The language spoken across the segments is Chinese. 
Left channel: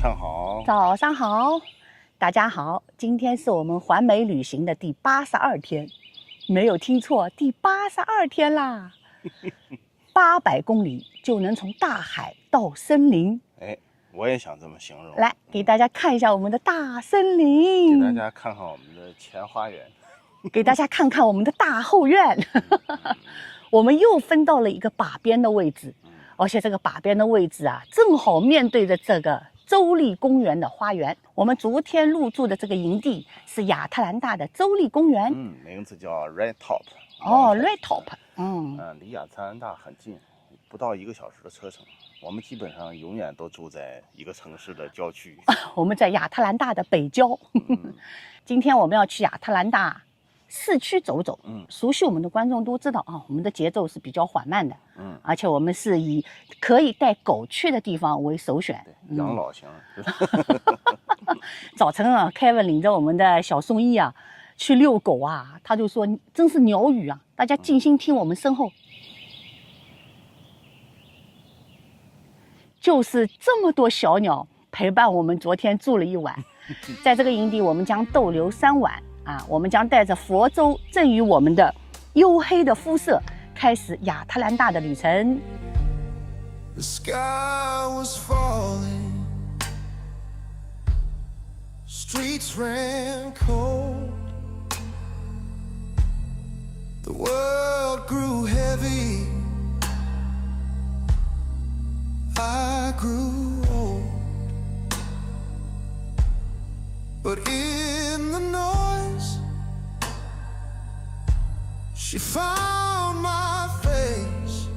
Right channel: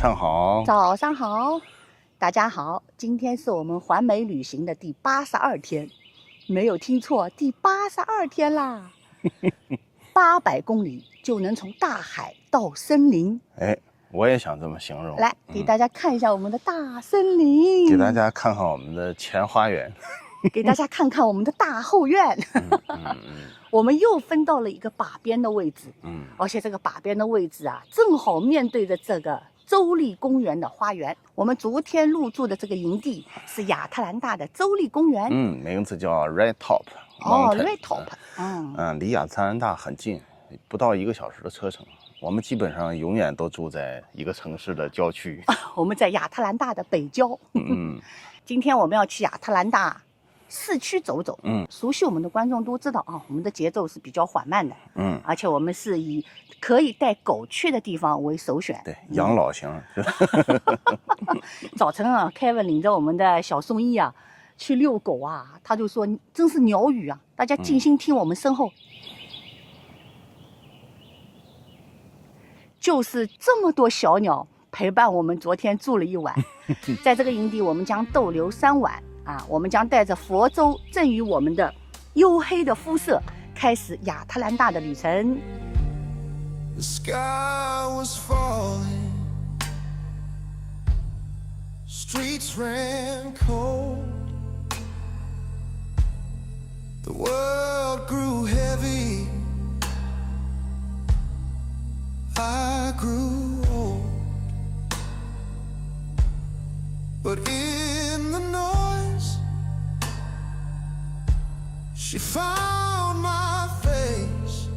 上好，早上好，大家好，今天是我们环美旅行的第82天，没有听错，第82天啦，800公里就能从大海到森林。哎，我也想这么形容。来，给大家看一下我们的大森林，给大家看看我们的前花园，给大家看看我们的大后院。我们又分到了一个把边的位置，而且这个把边的位置啊，正好面对着这个州立公园的花园。我们昨天入住的这个营地是亚特兰大的州立公园，名字叫 Red Top。Red Top，离亚特兰大很近，不到1个小时的车程。我们基本上永远都住在一个城市的郊区。我们在亚特兰大的北郊。今天我们要去亚特兰大市区走走。熟悉我们的观众都知道啊，我们的节奏是比较缓慢的。而且我们是以可以带狗去的地方为首选。对，养老型。早晨啊 ，Kevin 领着我们的小宋一啊去遛狗啊，他就说真是鸟语啊，大家静心听我们身后。就是这么多小鸟陪伴我们昨天住了一晚。在这个营地我们将逗留3晚啊，我们将带着佛州赠予我们的黝黑的肤色开始亚特兰大的旅程。 The sky was falling, streets ran cold, the world grew heavy, I grew old, but in the noise she found my face.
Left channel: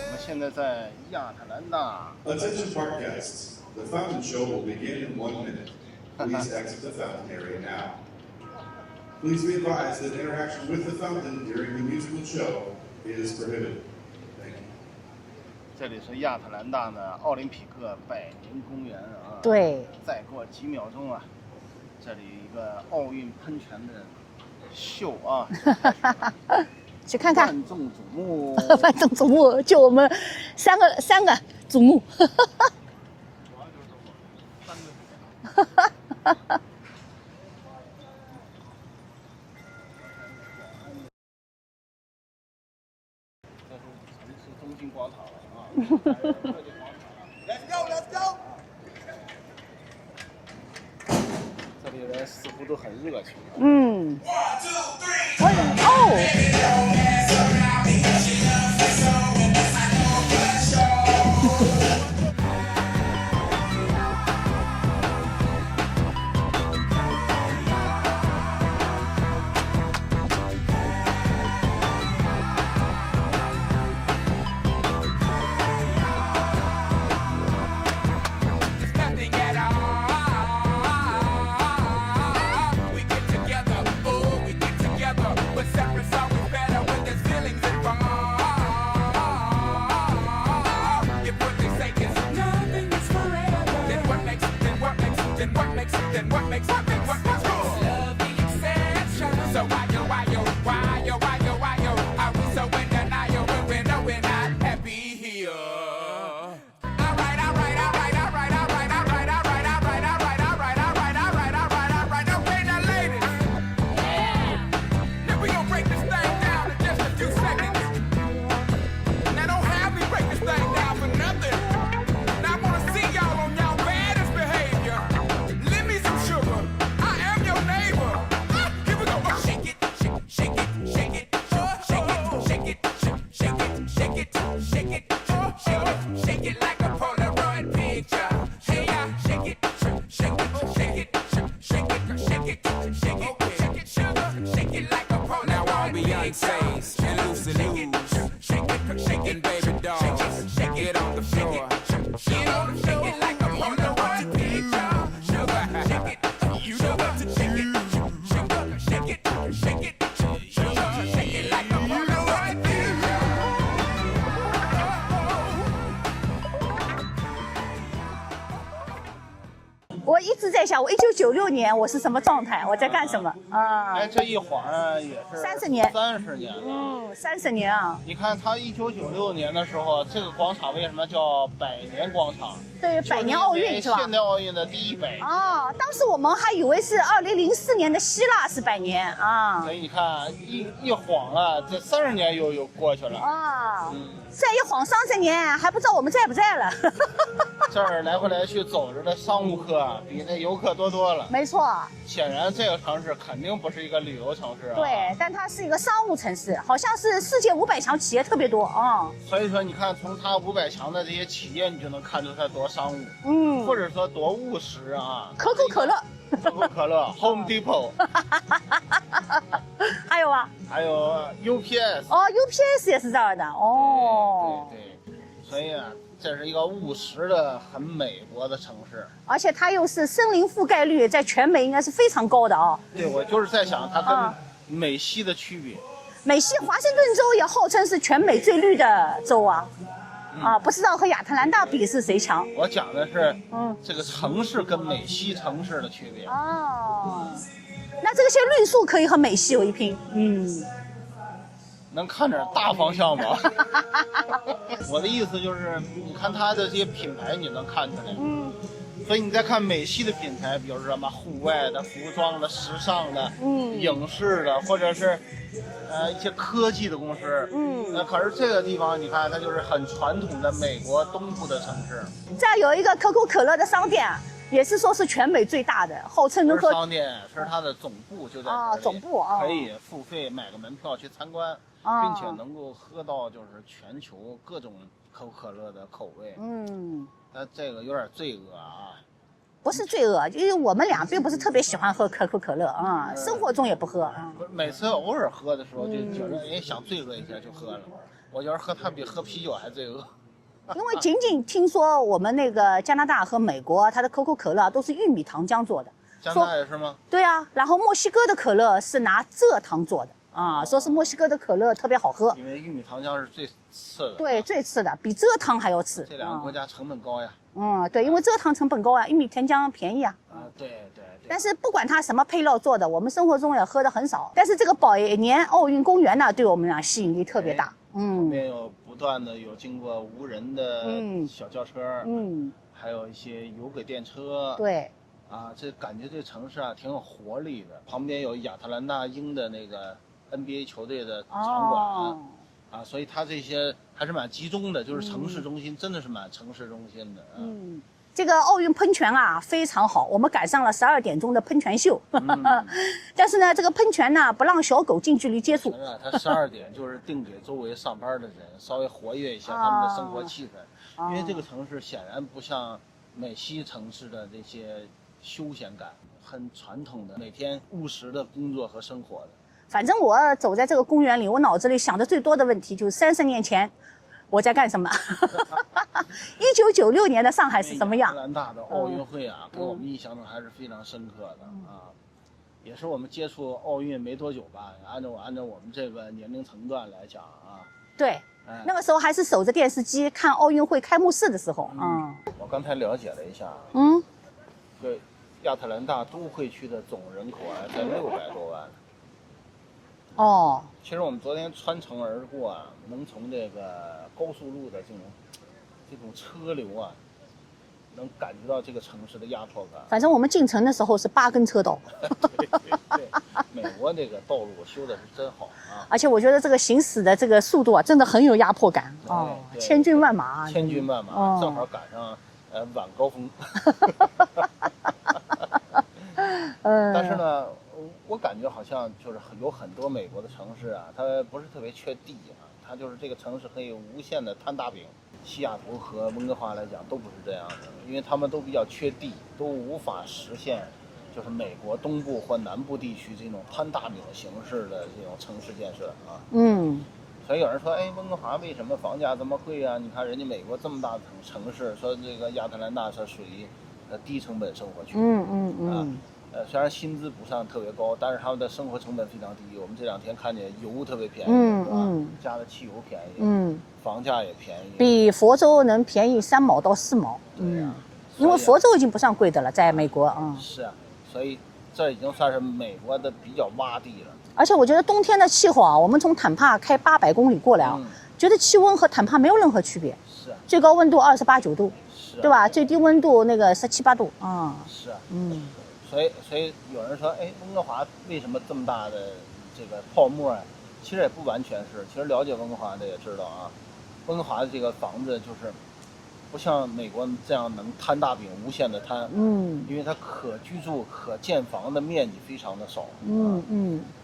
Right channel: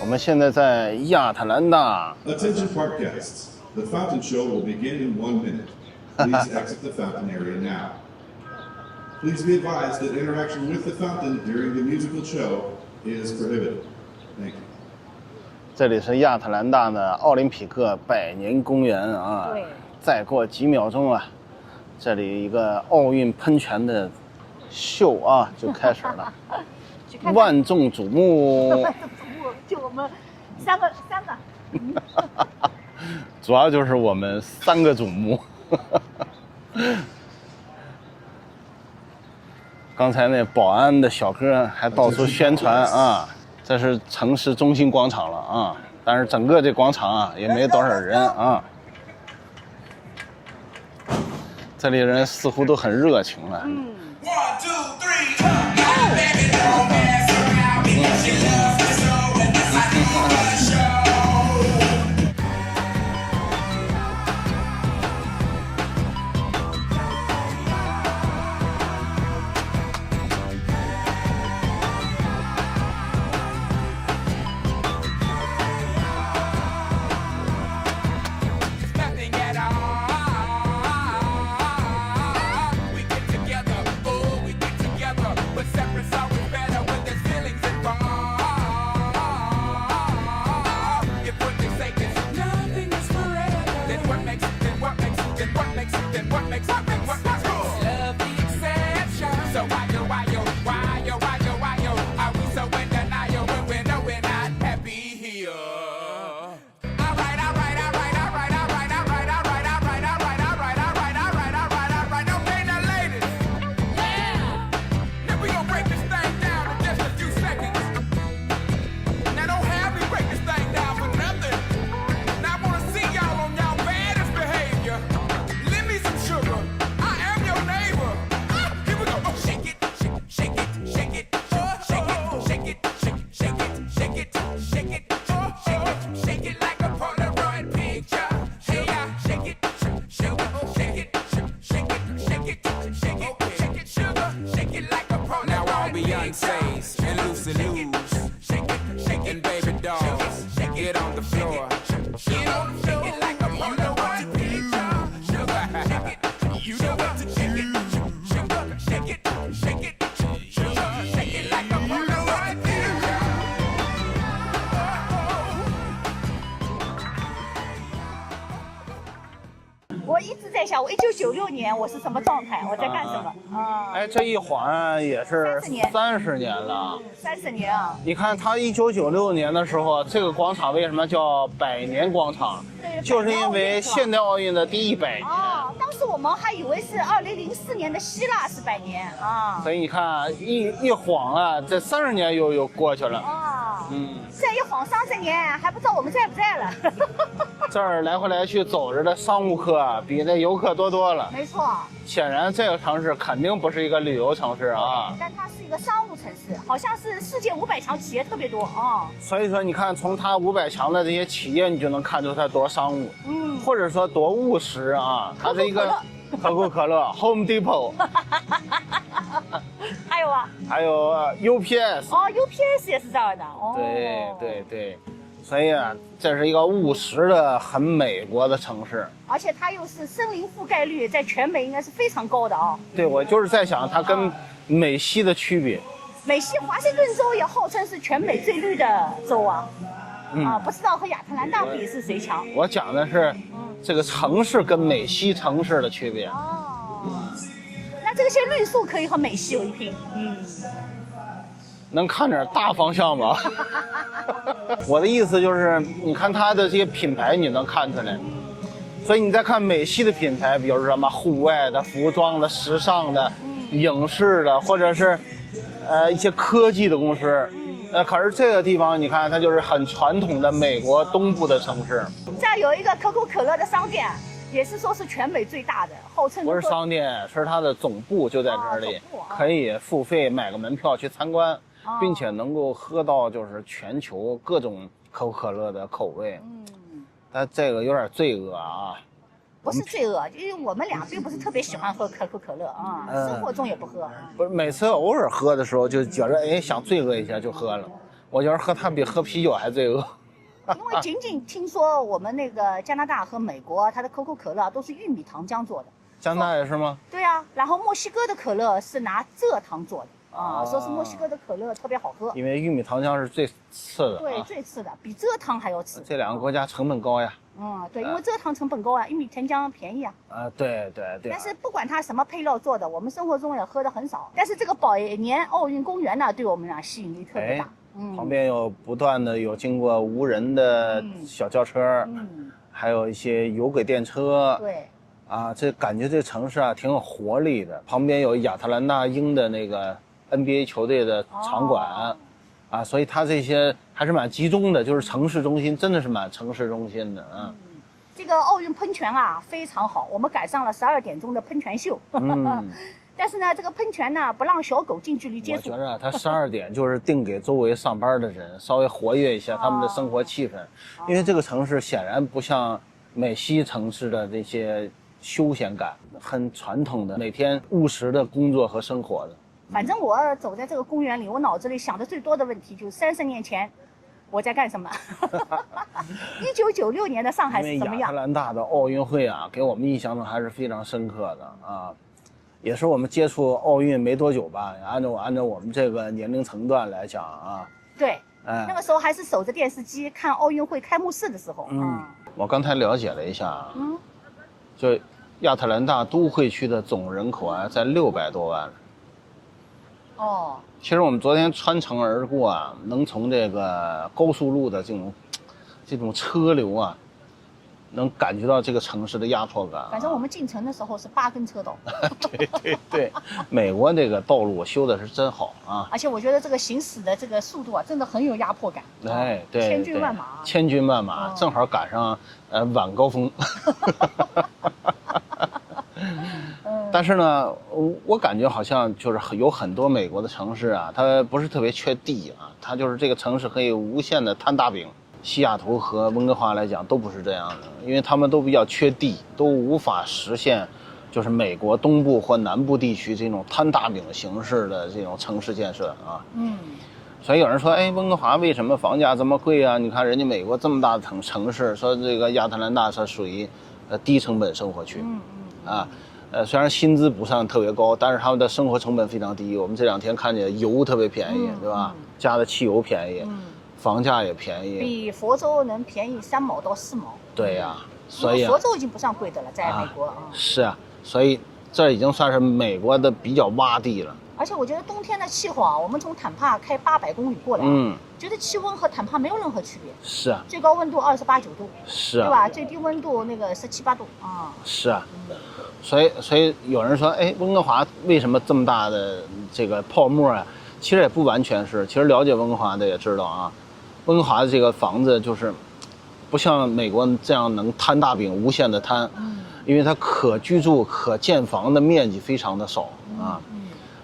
我们现在在亚特兰大。 Attention park guests. The fountain show will begin in 1 minute. Please exit the fountain area now. Please be advised that interaction with the fountain during the musical show is prohibited. Thank you. 这里是亚特兰大的奥林匹克百年公园啊。对。再过几秒钟啊，这里一个奥运喷泉的秀啊就开始了。去看看，万众瞩目。万众瞩目，就我们三个瞩目。主要就是我们3个瞩目。刚才那保安的小哥还到处宣传啊，这是城市中心广场了啊，但是整个这广场啊也没多少人啊。这里人似乎都很热情了。1, 2, 3. 我是什么状态，我在干什么啊？哎，这一晃也是30年30年了。 30年啊。你看，它1996年的时候，这个广场为什么叫百年广场？对，就是百年因为奥运是吧现代奥运的第100年。哦，当时我们还以为是2004年的希腊是100年啊。所以你看，一晃啊，这30年又过去了。啊，嗯，再一晃30年，还不知道我们在不在了。这儿来回来去走着的商务客啊比那游客多了。没错，显然，这个城市肯定不是一个旅游城市啊。对，但它是一个商务城市，好像是世界500强企业特别多啊。所以说，你看从它500强的这些企业，你就能看出它多商务，或者说多务实啊。它是一个可口可乐、Home Depot， 还有啊，还有UPS。哦，UPS 也是这儿的哦。对，所以啊，这是一个务实的、很美国的城市。而且它又是森林覆盖率在全美应该是非常高的啊。对，我就是在想它跟美西的区别。美西华盛顿州也号称是全美最绿的州啊。不知道和亚特兰大比是谁强？我讲的是，这个城市跟美西城市的区别。哦，那这些论述可以和美西有一拼。能看点大方向吗？我的意思就是，你看它的这些品牌，你能看出来。所以你再看美系的品牌，比如说什么户外的、服装的、时尚的、影视的，或者是一些科技的公司。可是这个地方你看，它就是很传统的美国东部的城市。这儿有一个可口可乐的商店，也是说是全美最大的，号称不能够。是商店，是它的总部就在这里，总部可以付费买个门票去参观，并且能够喝到就是全球各种可口可乐的口味。但这个有点罪恶啊。不是罪恶，因为我们俩并不是特别喜欢喝可口可乐啊，生活中也不喝。不是每次偶尔喝的时候就觉着想罪恶一下就喝了，我觉得喝它比喝啤酒还罪恶。因为仅仅听说我们那个加拿大和美国，它的可口可乐都是玉米糖浆做的。加拿大也是吗？对啊，然后墨西哥的可乐是拿蔗糖做的啊，说是墨西哥的可乐特别好喝。因为玉米糖浆是最次的。对，最次的，比蔗糖还要次。这两个国家成本高呀。对，因为蔗糖成本高啊，玉米甜浆便宜啊。对。但是不管它什么配料做的，我们生活中也喝的很少。但是这个百年奥运公园呢，对我们俩吸引力特别大。旁边有不断的有经过无人的小轿车，还有一些有轨电车。对。这感觉这城市啊挺有活力的。旁边有亚特兰大鹰的那个 NBA 球队的场馆。所以它这些还是蛮集中的，就是城市中心，真的是蛮城市中心的啊。这个奥运喷泉啊非常好，我们赶上了12点钟的喷泉秀。但是呢，这个喷泉呢不让小狗近距离接触。我觉得它12点就是定给周围上班的人稍微活跃一下他们的生活气氛，因为这个城市显然不像美西城市的这些休闲感，很传统的每天务实的工作和生活的。反正我走在这个公园里，我脑子里想的最多的问题就是30年前我在干什么。1996年的上海是什么样？亚特兰大的奥运会啊，给我们印象中还是非常深刻的啊，也是我们接触奥运没多久吧。按照我们这个年龄层段来讲啊，对，那个时候还是守着电视机看奥运会开幕式的时候。我刚才了解了一下，就亚特兰大都会区的总人口啊，在600多万。其实我们昨天穿城而过啊，能从这个高速路的这种车流啊，能感觉到这个城市的压迫感。反正我们进城的时候是8根车道。对，美国这个道路修的是真好啊！而且我觉得这个行驶的这个速度啊，真的很有压迫感。对，千军万马。千军万马，正好赶上晚高峰。但是呢，我感觉好像就是有很多美国的城市啊，它不是特别缺地啊，它就是这个城市可以无限的摊大饼。西雅图和温哥华来讲都不是这样的，因为他们都比较缺地，都无法实现就是美国东部或南部地区这种摊大饼形式的这种城市建设啊。所以有人说，温哥华为什么房价这么贵啊？你看人家美国这么大的城市，说这个亚特兰大是属于低成本生活区。虽然薪资不算特别高，但是他们的生活成本非常低。我们这2天看见油特别便宜，对吧？加的汽油便宜，房价也便宜，比佛州能便宜3毛到4毛。对呀，因为佛州已经不算贵的了，在美国是啊，所以这已经算是美国的比较洼地了。而且我觉得冬天的气候啊，我们从坦帕开800公里过来啊，觉得气温和坦帕没有任何区别。是啊，最高温度28、9度，是啊，对吧？最低温度那个17、8度啊。是啊，所以有人说，哎，温哥华为什么这么大的这个泡沫啊？其实也不完全是，其实了解温哥华的也知道啊，温哥华的这个房子就是不像美国这样能摊大饼无限的摊，因为它可居住可建房的面积非常的少啊，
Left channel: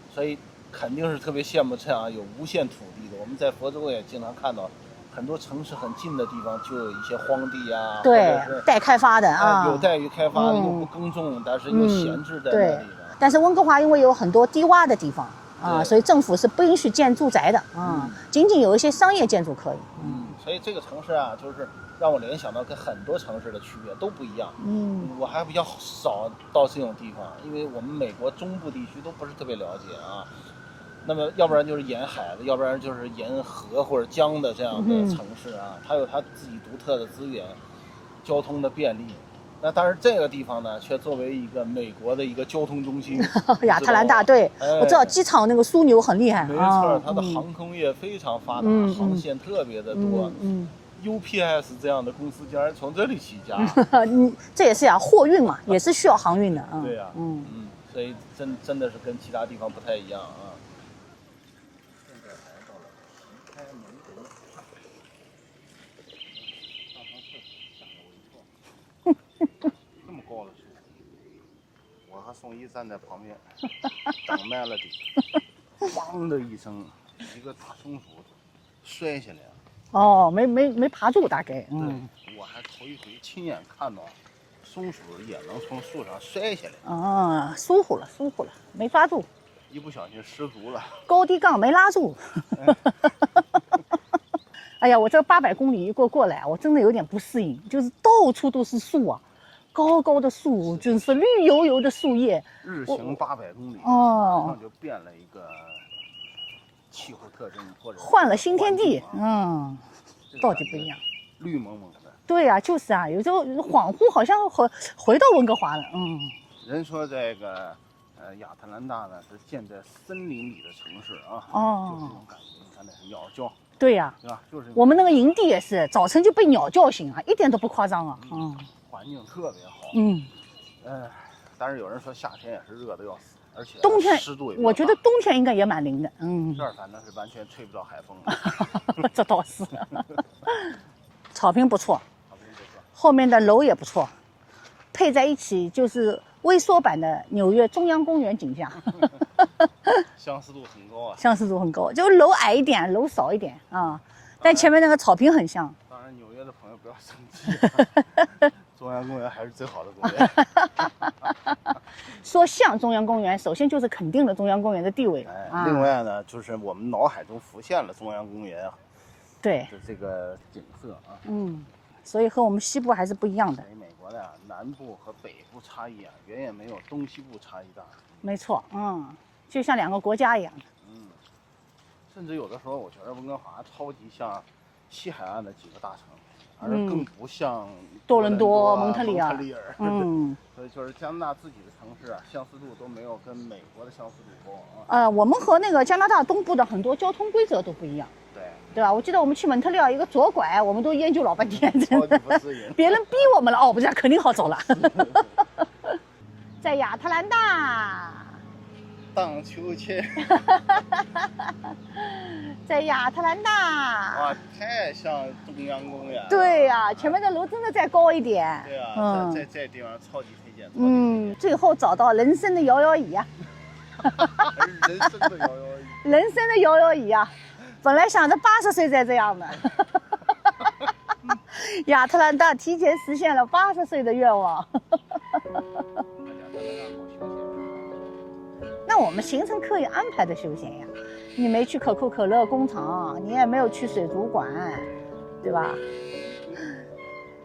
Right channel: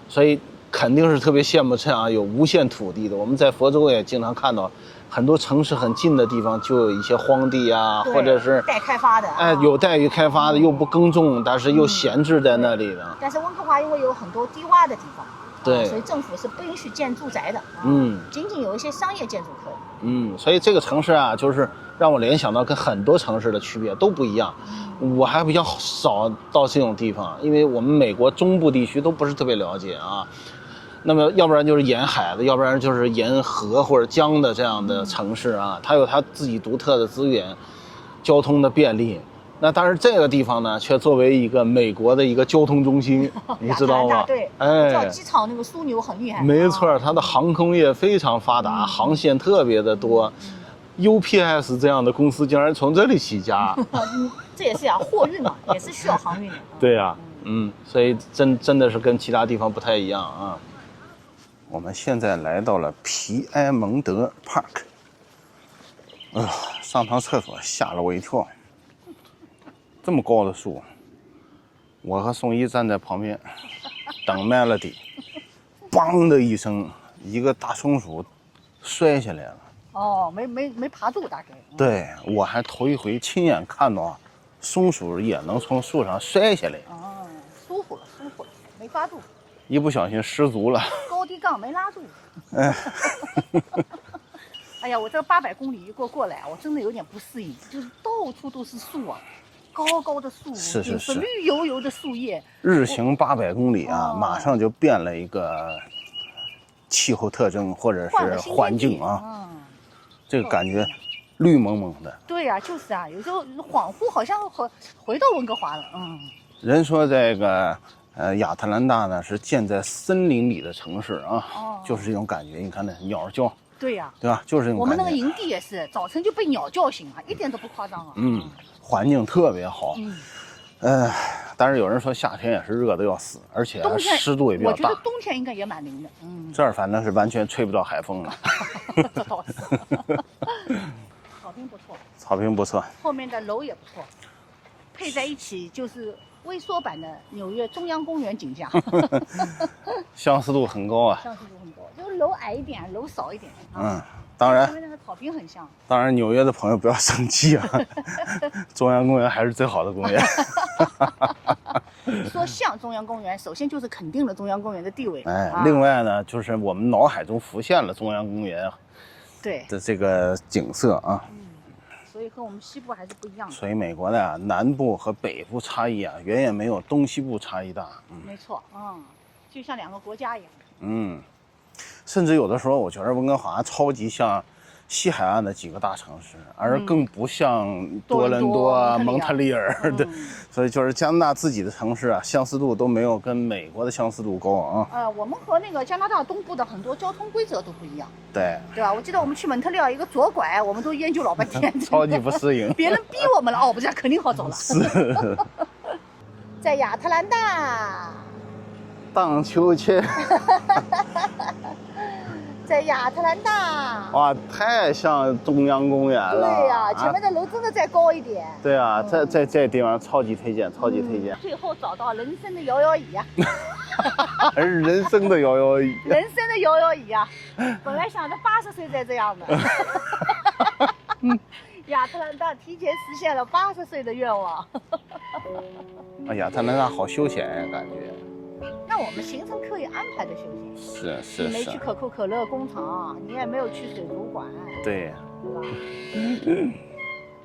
所以肯定是特别羡慕这样有无限土地的。我们在佛州也经常看到，很多城市很近的地方就有一些荒地啊，或者是待开发的，有待于开发的，又不耕种，但是又闲置在那里的。但是温哥华因为有很多低洼的地方。对，所以政府是不允许建住宅的，仅仅有一些商业建筑可以。所以这个城市啊，就是让我联想到跟很多城市的区别都不一样。我还比较少到这种地方，因为我们美国中部地区都不是特别了解啊。那么要不然就是沿海的，要不然就是沿河或者江的这样的城市啊，它有它自己独特的资源，交通的便利。那但是这个地方呢，却作为一个美国的一个交通中心，亚特兰大，对，哎，我知道机场那个枢纽很厉害，没错，它的航空业非常发达，航线特别的多。UPS 这样的公司竟然从这里起家，这也是呀，货运嘛，也是需要航运的。对呀，所以真的是跟其他地方不太一样啊。我们现在来到了皮埃蒙德 Park， 上趟厕所吓了我一跳。这么高的树，我和宋一站在旁边等 Melody， 梆的一声，一个大松鼠摔下来了。哦，没爬住，大概。对，我还头一回亲眼看到松鼠也能从树上摔下来。疏忽了，没抓住，一不小心失足了，高低杠没拉住。哎呀，我这800公里一过来，我真的有点不适应，就是到处都是树啊，高高的树，就是绿油油的树叶。日行800公里啊，马上就变了一个气候特征或者是环境啊，这个感觉绿蒙蒙的。对呀，就是啊，有时候恍惚好像回到温哥华了。人说这个亚特兰大呢是建在森林里的城市啊，就是这种感觉。你看那鸟叫。对呀，对吧？就是我们那个营地也是，早晨就被鸟叫醒啊，一点都不夸张啊。环境特别好。但是有人说夏天也是热得要死，而且冬天湿度也比较大。我觉得冬天应该也蛮灵的。这儿反正是完全吹不到海风了。这倒是。草坪不错，草坪不错，后面的楼也不错，配在一起就是微缩版的纽约中央公园景象。相似度很高啊，相似度很高，就楼矮一点，楼少一点啊。但前面那个草坪很像。当然，纽约的朋友不要生气啊，中央公园还是最好的公园。说像中央公园，首先就是肯定了中央公园的地位。另外呢，就是我们脑海中浮现了中央公园对的这个景色啊。所以和我们西部还是不一样的。所以美国的南部和北部差异啊，远远没有东西部差异大。没错，就像两个国家一样。甚至有的时候，我觉得温哥华超级像西海岸的几个大城市，而更不像多伦多、蒙特利尔的。所以就是加拿大自己的城市啊，相似度都没有跟美国的相似度高啊。我们和那个加拿大东部的很多交通规则都不一样。对吧？我记得我们去蒙特利尔一个左拐，我们都研究老半天，超级不适应。别人逼我们了，我们家肯定好走了。是。在亚特兰大荡秋千。在亚特兰大，哇，太像中央公园了。对呀，前面的楼真的再高一点。对啊，这地方超级推荐，超级推荐。最后找到人生的摇摇椅啊！还是人生的摇摇椅。人生的摇摇椅啊！本来想着80岁再这样的。亚特兰大提前实现了80岁的愿望。亚特兰大好休闲呀，感觉。那我们行程可以安排的休闲呀。是。你没去可口可乐工厂，你也没有去水族馆，对吧？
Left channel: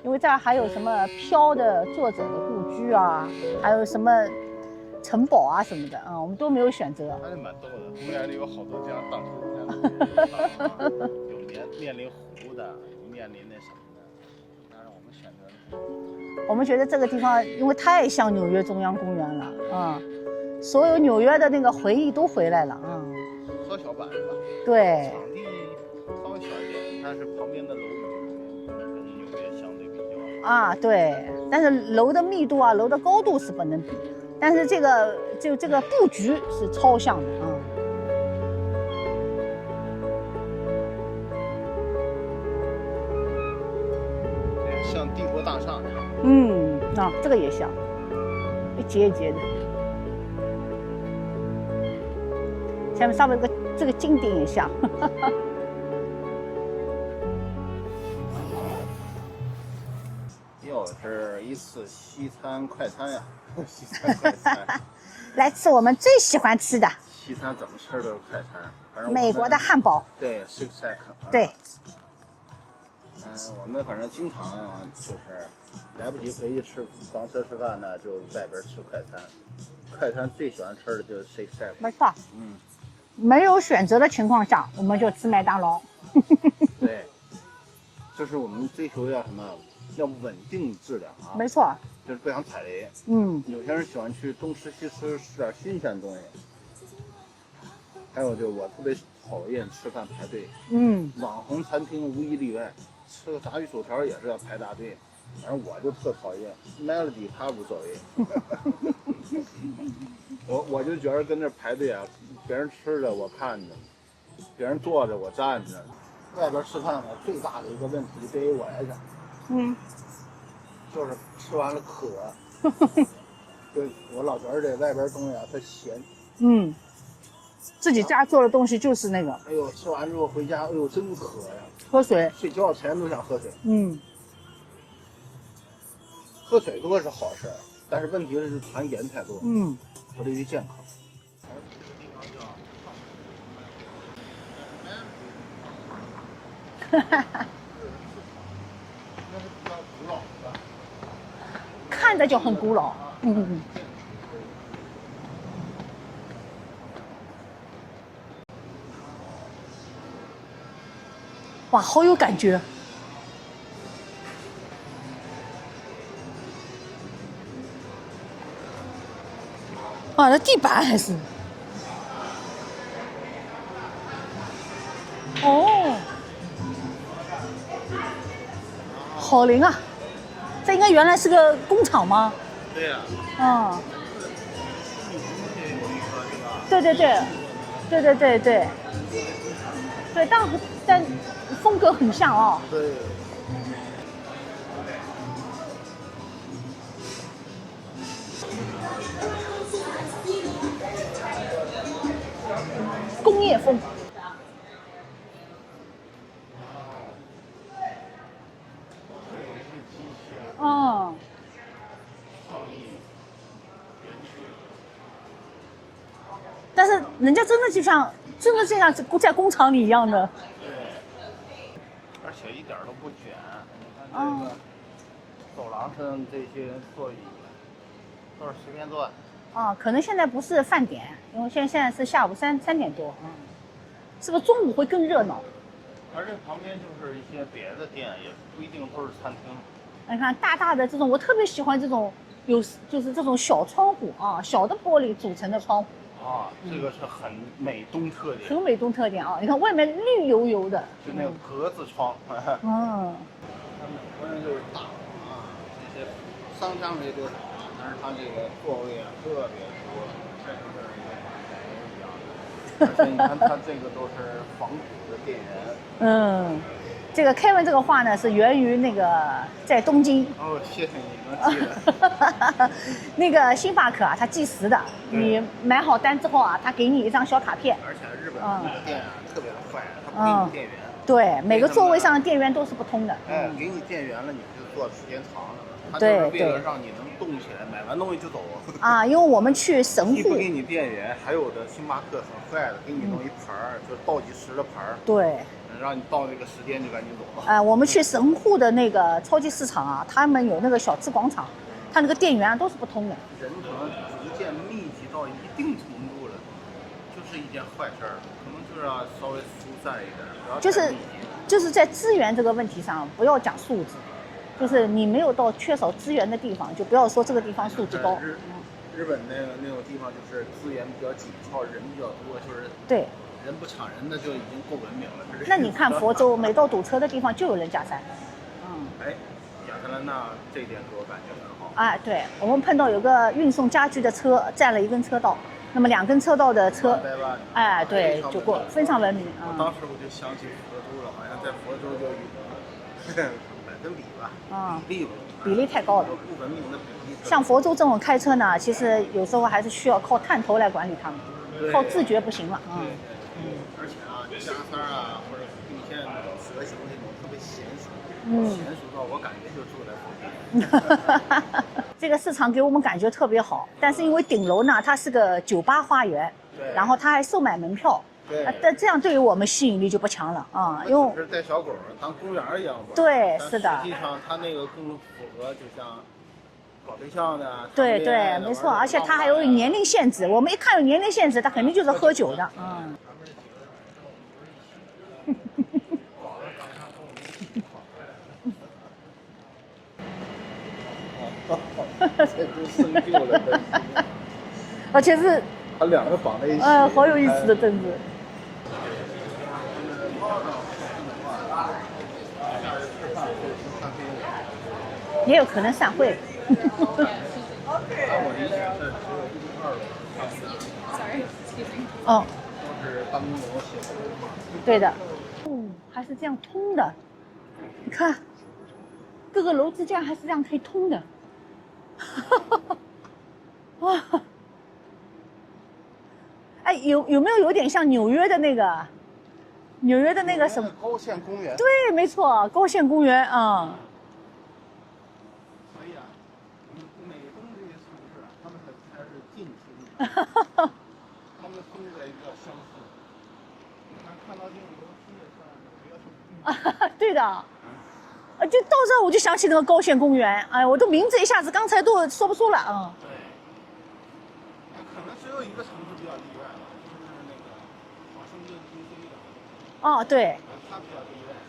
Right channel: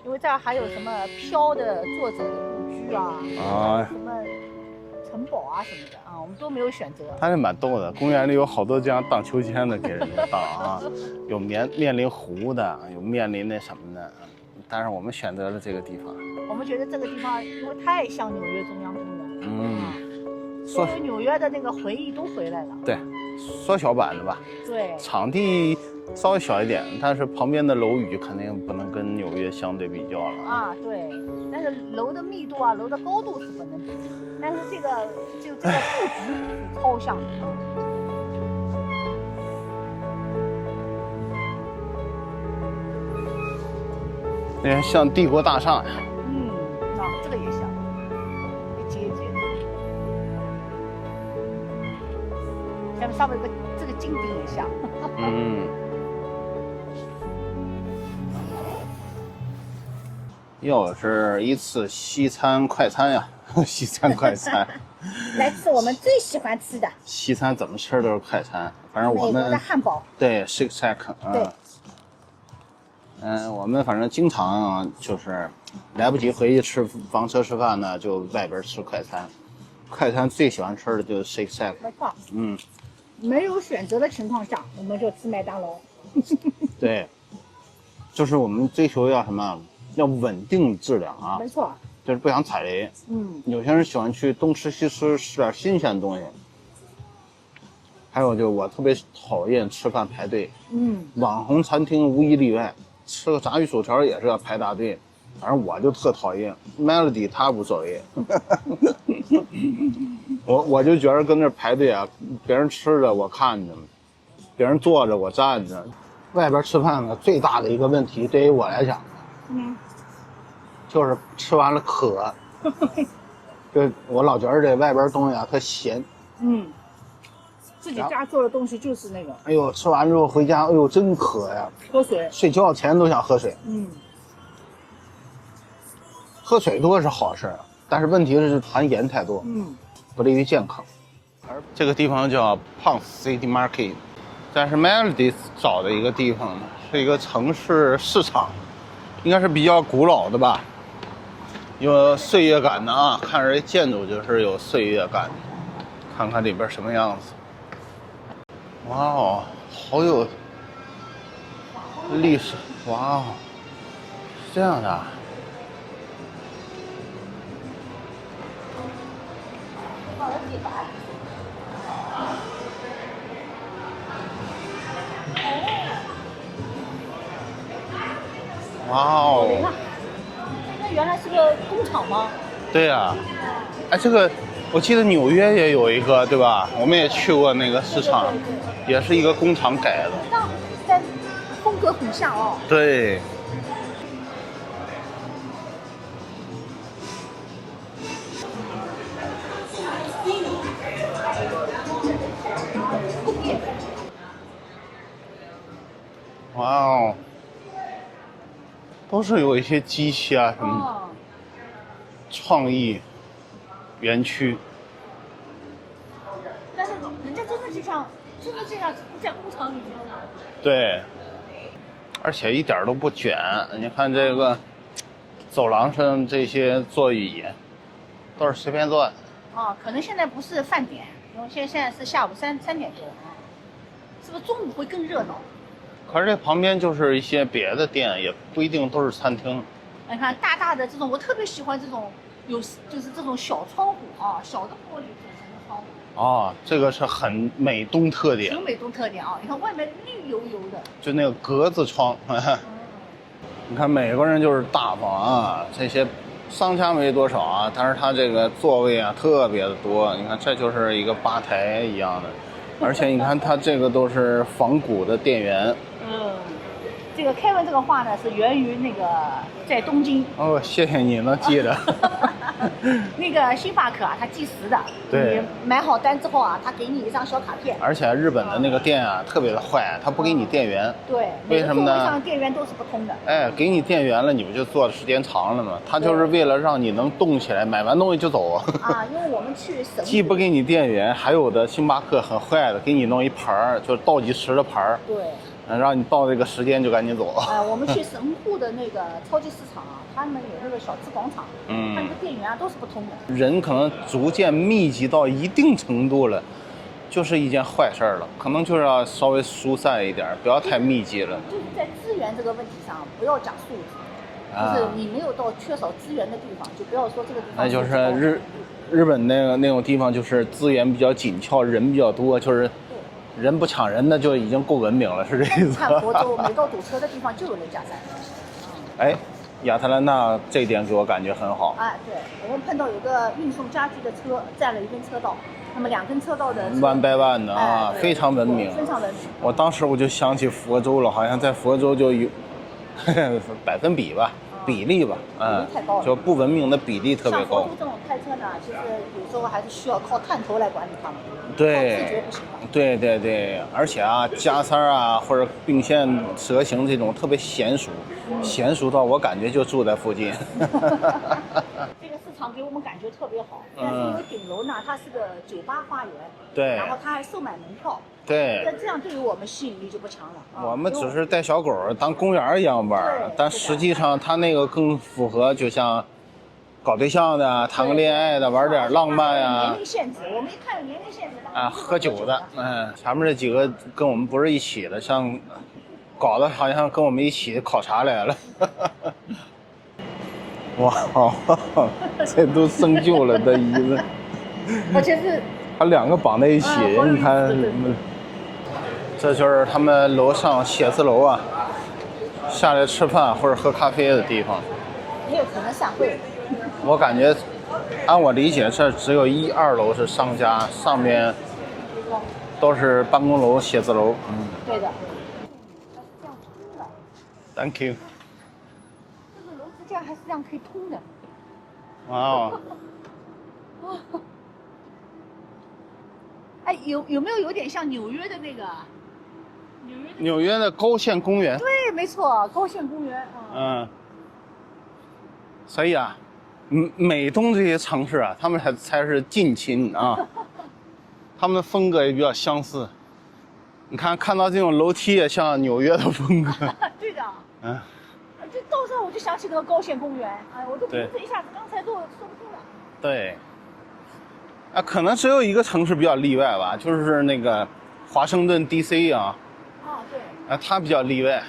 因为这儿还有什么飘的作者的故居啊，还有什么城堡啊什么的啊，我们都没有选择。还是蛮逗的，公园里有好多这样荡秋千的给人荡啊，有面临湖的，有面临那什么的。但是我们选择了这个地方。我们觉得这个地方因为太像纽约中央公园了所有纽约的那个回忆都回来了。对，缩小版的吧。对，场地稍微小一点，但是旁边的楼宇肯定不能跟纽约相对比较了。啊，对，但是楼的密度啊，楼的高度是不能比，但是这个布局是超像的啊。那像帝国大厦呀。啊，这个也像，一节一节的。下面这个金顶也像。又是一次西餐快餐呀，西餐快餐。来吃我们最喜欢吃的西餐怎么吃都是快餐，反正我们美国的汉堡。对 Shake Shack。对。我们反正经常就是来不及回去房车吃饭呢，就外边吃快餐。快餐最喜欢吃的就是 Shake Shack。没错。没有选择的情况下，我们就吃麦当劳。对，就是我们追求要什么？要稳定质量啊。没错。就是不想踩雷。有些人喜欢去东吃西吃，吃点新鲜东西。还有就是我特别讨厌吃饭排队。网红餐厅无一例外。吃个炸鱼薯条也是要排大队，反正我就特讨厌。Melody 他无所谓，我就觉得跟那排队啊，别人吃着我看着，别人坐着我站着。外边吃饭呢，最大的一个问题对于我来讲，就是吃完了渴。就我老觉得这外边东西啊特咸。自己家做的东西就是那个。哎呦，吃完之后回家，哎呦真渴呀！喝水，睡觉前都想喝水。喝水多是好事，但是问题是含盐太多，不利于健康。这个地方叫 Ponce City Market， 但是 Melody 找的一个地方是一个城市市场，应该是比较古老的吧，有岁月感的啊，看着这建筑就是有岁月感的。看看里边什么样子。哇哦，好有，哇，好有感觉。哇哦，是这样的啊。哇，这地板还是。哦。哇哦。好灵啊！这应该原来是个工厂吗？对呀。哎，这个。我记得纽约也有一个，对吧？对对对，我们也去过那个市场，对，也是一个工厂改的。对，但风格很像哦。对。工业风。哇哦，都是有一些机器啊什么，创意。园区，但是人家真的就像在工厂里一样的。对，而且一点都不卷。你看这个走廊上这些座椅，都是随便坐的。可能现在不是饭点，因为现在是下午3点多，是不是中午会更热闹？可是这旁边就是一些别的店，也不一定都是餐厅。你看大大的这种，我特别喜欢这种。就是这种小窗户啊，小的玻璃组成的窗户。这个是很美东特点。很美东特点啊！你看外面绿油油的，就那个格子窗。你看美国人就是大方啊，这些商家没多少啊，但是他这个座位啊特别的多。你看这就是一个吧台一样的，而且你看它这个都是仿古的店员。这个Kevin这个画呢是源于那个在东京。谢谢你能记得。那个星巴克啊，它计时的。你买好单之后啊，他给你一张小卡片。而且日本的那个店啊，特别的坏，他不给你店员。对，每个座位上的店员都是不通的。给你店员了，你不就坐的时间长了吗？他就是为了让你能动起来，买完东西就走。因为我们去神户。既不给你店员，还有的星巴克很坏的，给你弄一盘儿，就是倒计时的盘儿。对。让你到这个时间就赶紧走。我们去神户的那个超级市场啊，他们有那个小吃广场，他那个店员都是不通的。人可能逐渐密集到一定程度了，就是一件坏事了，可能就是要稍微疏散一点，不要太密集了。就是在资源这个问题上，不要讲素质，就是你没有到缺少资源的地方，就不要说这个地方。那就是日本那种地方就是资源比较紧俏，人比较多，就是对，人不抢人，那就已经够文明了，是这意思。那你看佛州，每到堵车的地方就有人加塞。哎，亚特兰大这一点给我感觉很好。哎，对，我们碰到有个运送家具的车占了一根车道，那么2根车道的车弯掰弯的哎，对，非常文明，非常文明。我当时我就想起佛州了，好像在佛州就有百分比吧，比例吧，比例太高了，就不文明的比例特别高。像佛州这种开车呢，其实有时候还是需要靠探头来管理他们，对，靠自觉不行了。对对对，而且啊，加塞啊或者并线蛇形这种特别娴熟，娴熟到我感觉就住在附近。这个市场给我们感觉特别好，但是因为顶楼呢，它是个酒吧花园，对，然后它还售卖门票。对，但这样对于我们吸引力就不强了啊。我们只是带小狗当公园一样玩，对，但实际上它那个更符合，就像搞对象的、谈个恋爱的，玩点浪漫啊。而且它还有年龄限制，我们一看有年龄限制，它肯定就是喝酒的。前面这几个跟我们不是一起的，像搞得好像跟我们一起考察来了。哇，这都生锈了的椅子，而且是它2个绑在一起，好有意思的真的。这就是他们楼上写字楼啊，下来吃饭或者喝咖啡的地方，也有可能散会。我感觉，按我理解，这只有1、2楼是商家，上面都是办公楼、写字楼。对的，还是这样通的。Thank you。你看，各个楼之间还是这样可以通的。啊。哇。哎，有没有点像纽约的那个？纽约的高线公园。对，没错，高线公园啊。所以啊，美东这些城市啊，他们才是近亲啊，他们的风格也比较相似。你看到这种楼梯也像纽约的风格。对的。就到这我就想起那个高线公园，哎，我的名字一下子刚才都说不出了。对。可能只有一个城市比较例外吧，就是那个华盛顿 DC 啊。对。它比较例外。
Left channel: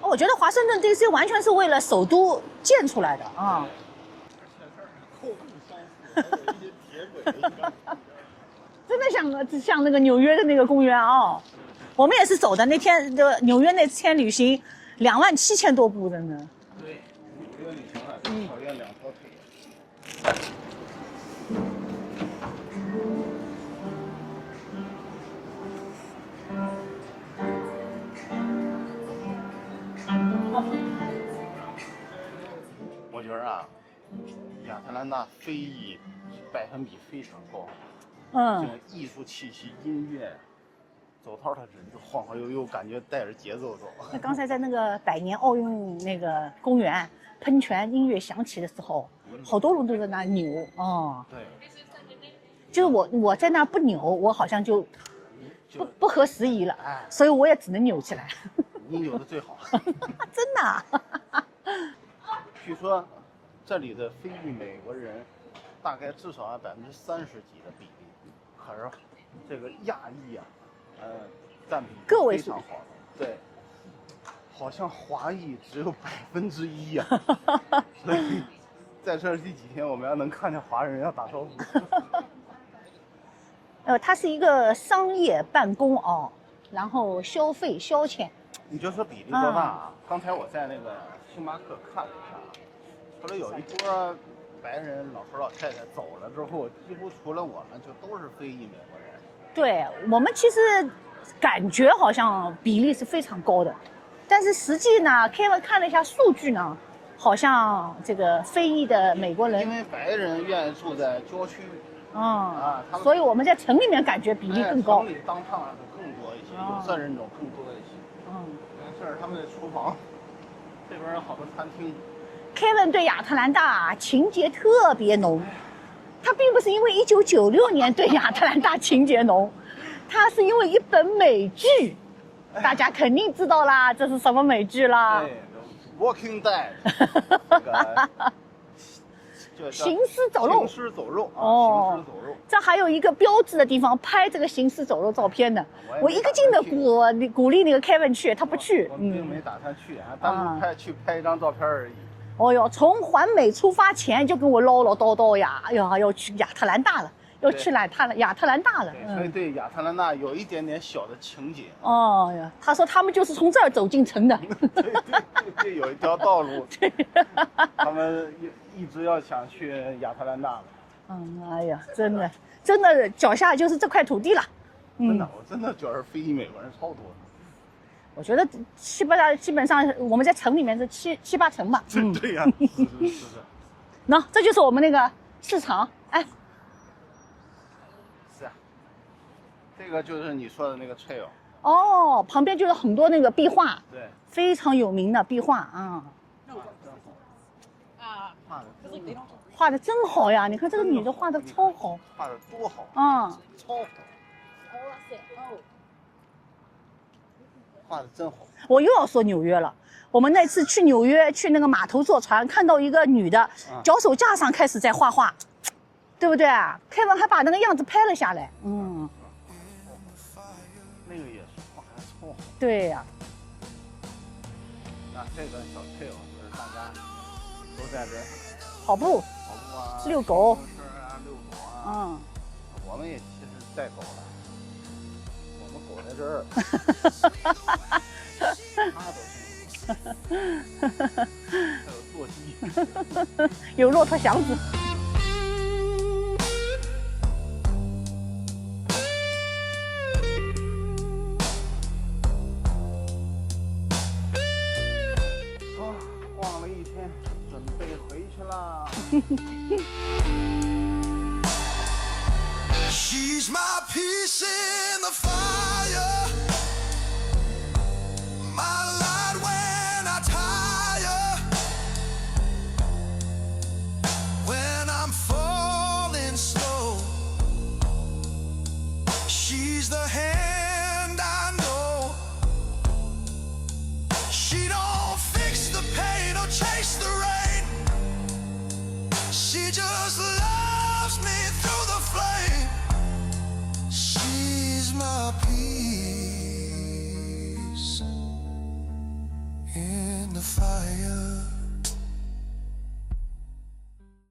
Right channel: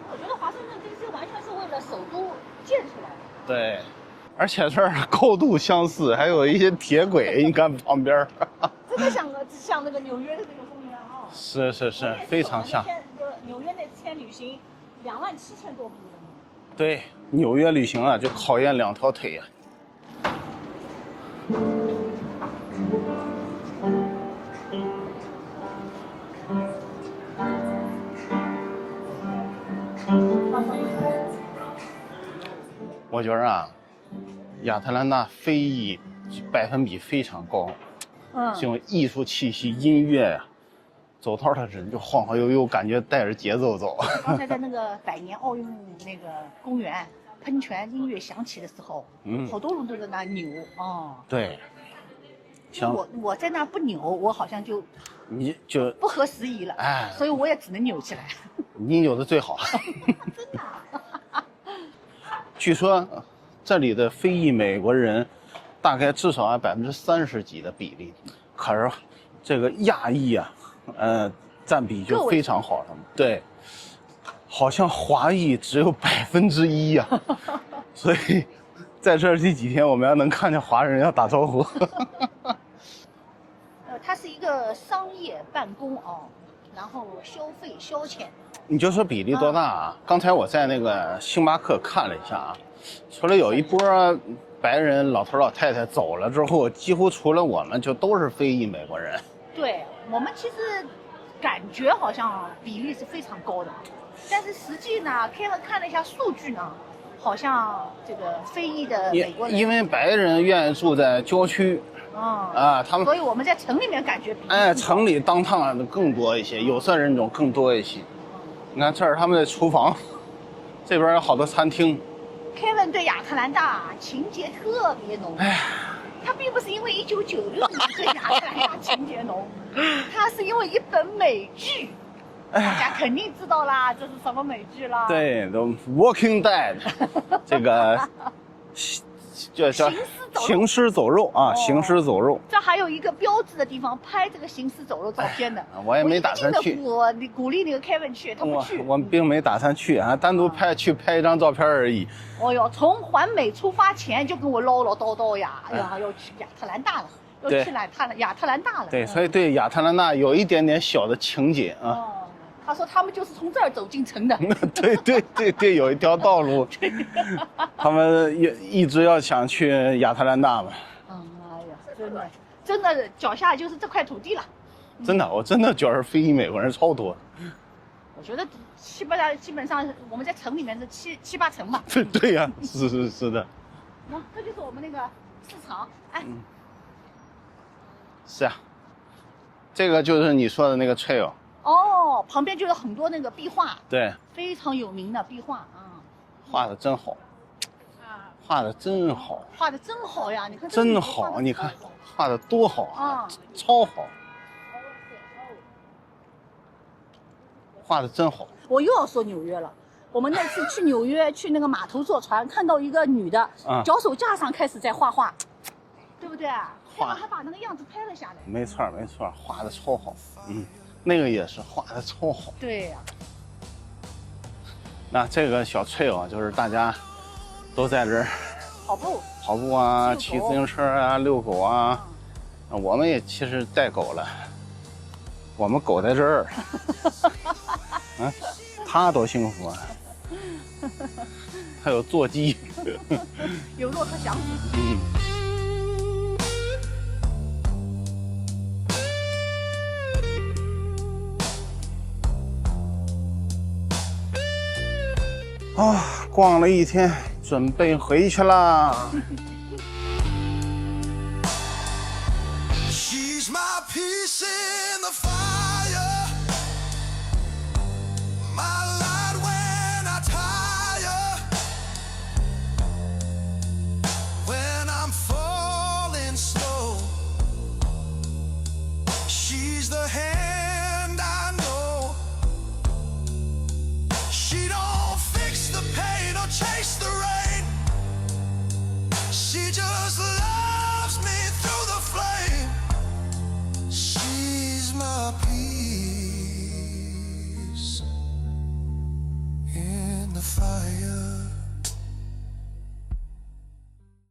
我觉得华盛顿 DC 完全是为了首都建出来的啊。对，而且这儿高度相似，还有一些铁轨，你看旁边。真的像那个纽约的那个公园啊。是。我们也是走的那天的纽约那天旅行，27000多步的呢。对，纽约旅行啊，就考验2条腿呀。我觉得啊，亚特兰大非裔百分比非常高，这种艺术气息、音乐呀，走道的人就晃晃悠悠，感觉带着节奏走。刚才在那个百年奥运那个公园，喷泉音乐响起的时候，好多人都在那扭啊。对，就是我在那不扭，我好像就不合时宜了，所以我也只能扭起来。你扭的最好。真的。据说这里的非裔美国人大概至少30%几的比例，可是这个亚裔啊，占比就非常好。他们对，好像华裔只有1%啊，所以在这几天我们要能看见华人要打招呼。它是一个商业办公然后消费消遣。你就说比例多大啊？刚才我在那个星巴克看了一下啊，除了有一波白人老头老太太走了之后，几乎除了我们就都是非裔美国人。对，我们其实感觉好像比例是非常高的，但是实际呢，Kevin看了一下数据呢，好像这个非裔的美国人，因为白人愿意住在郊区。他们，所以我们在城里面感觉比例更高。城里当趟的更多一些，有色人种更多一些。你看这儿他们的厨房，这边有好多餐厅。Kevin 对亚特兰大情节特别浓，他并不是因为1996年对亚特兰大情节浓，他是因为一本美剧，大家肯定知道啦，这是什么美剧啦？对，《The Walking Dead》，这个叫行尸走肉行尸走肉啊，哦行尸走肉。这还有一个标志的地方，拍这个行尸走肉照片的。我也没一个劲的打算去鼓励那个 Kevin 去，他不去。我并没打算去啊，单独去拍一张照片而已。哦哟，从环美出发前就跟我唠唠叨叨呀，哎呀，要去亚特兰大了，要去亚特兰大了。对，所以对亚特兰大有一点点小的情结啊。哦呀，他说他们就是从这儿走进城的。对，有一条道路，他们也一直要想去亚特兰大嘛。哎呀，真的脚下就是这块土地了。真的，我真的觉得非裔美国人超多。我觉得基本上我们在城里面是七八成吧。对呀，是的。那这就是我们那个市场，哎。是啊，这个就是你说的那个 trail。哦，旁边就是很多那个壁画，对，非常有名的壁画啊。画的真好，画的真好，画的真好呀！你看这个女真好，的画的你看超好，画的多好啊，超好，画的真好。我又要说纽约了。我们那次去纽约，去那个码头坐船，看到一个女的，脚手架上开始在画画，对不对啊？Kevin还把那个样子拍了下来。没错，画的超好。那个也是画的超好。对呀。那这个小trail啊，就是大家都在这儿跑步啊，骑自行车啊，遛狗啊。我们也其实带狗了，我们狗在这儿。他多幸福啊！还有座机，有骆驼祥子。逛了一天，准备回去啦。She's my peace in the fire, my light when I tire, when I'm falling slow. She's the hand I know. She don't fix the pain or chase the rain. She just loves me through the flame. She's my peace in the fire.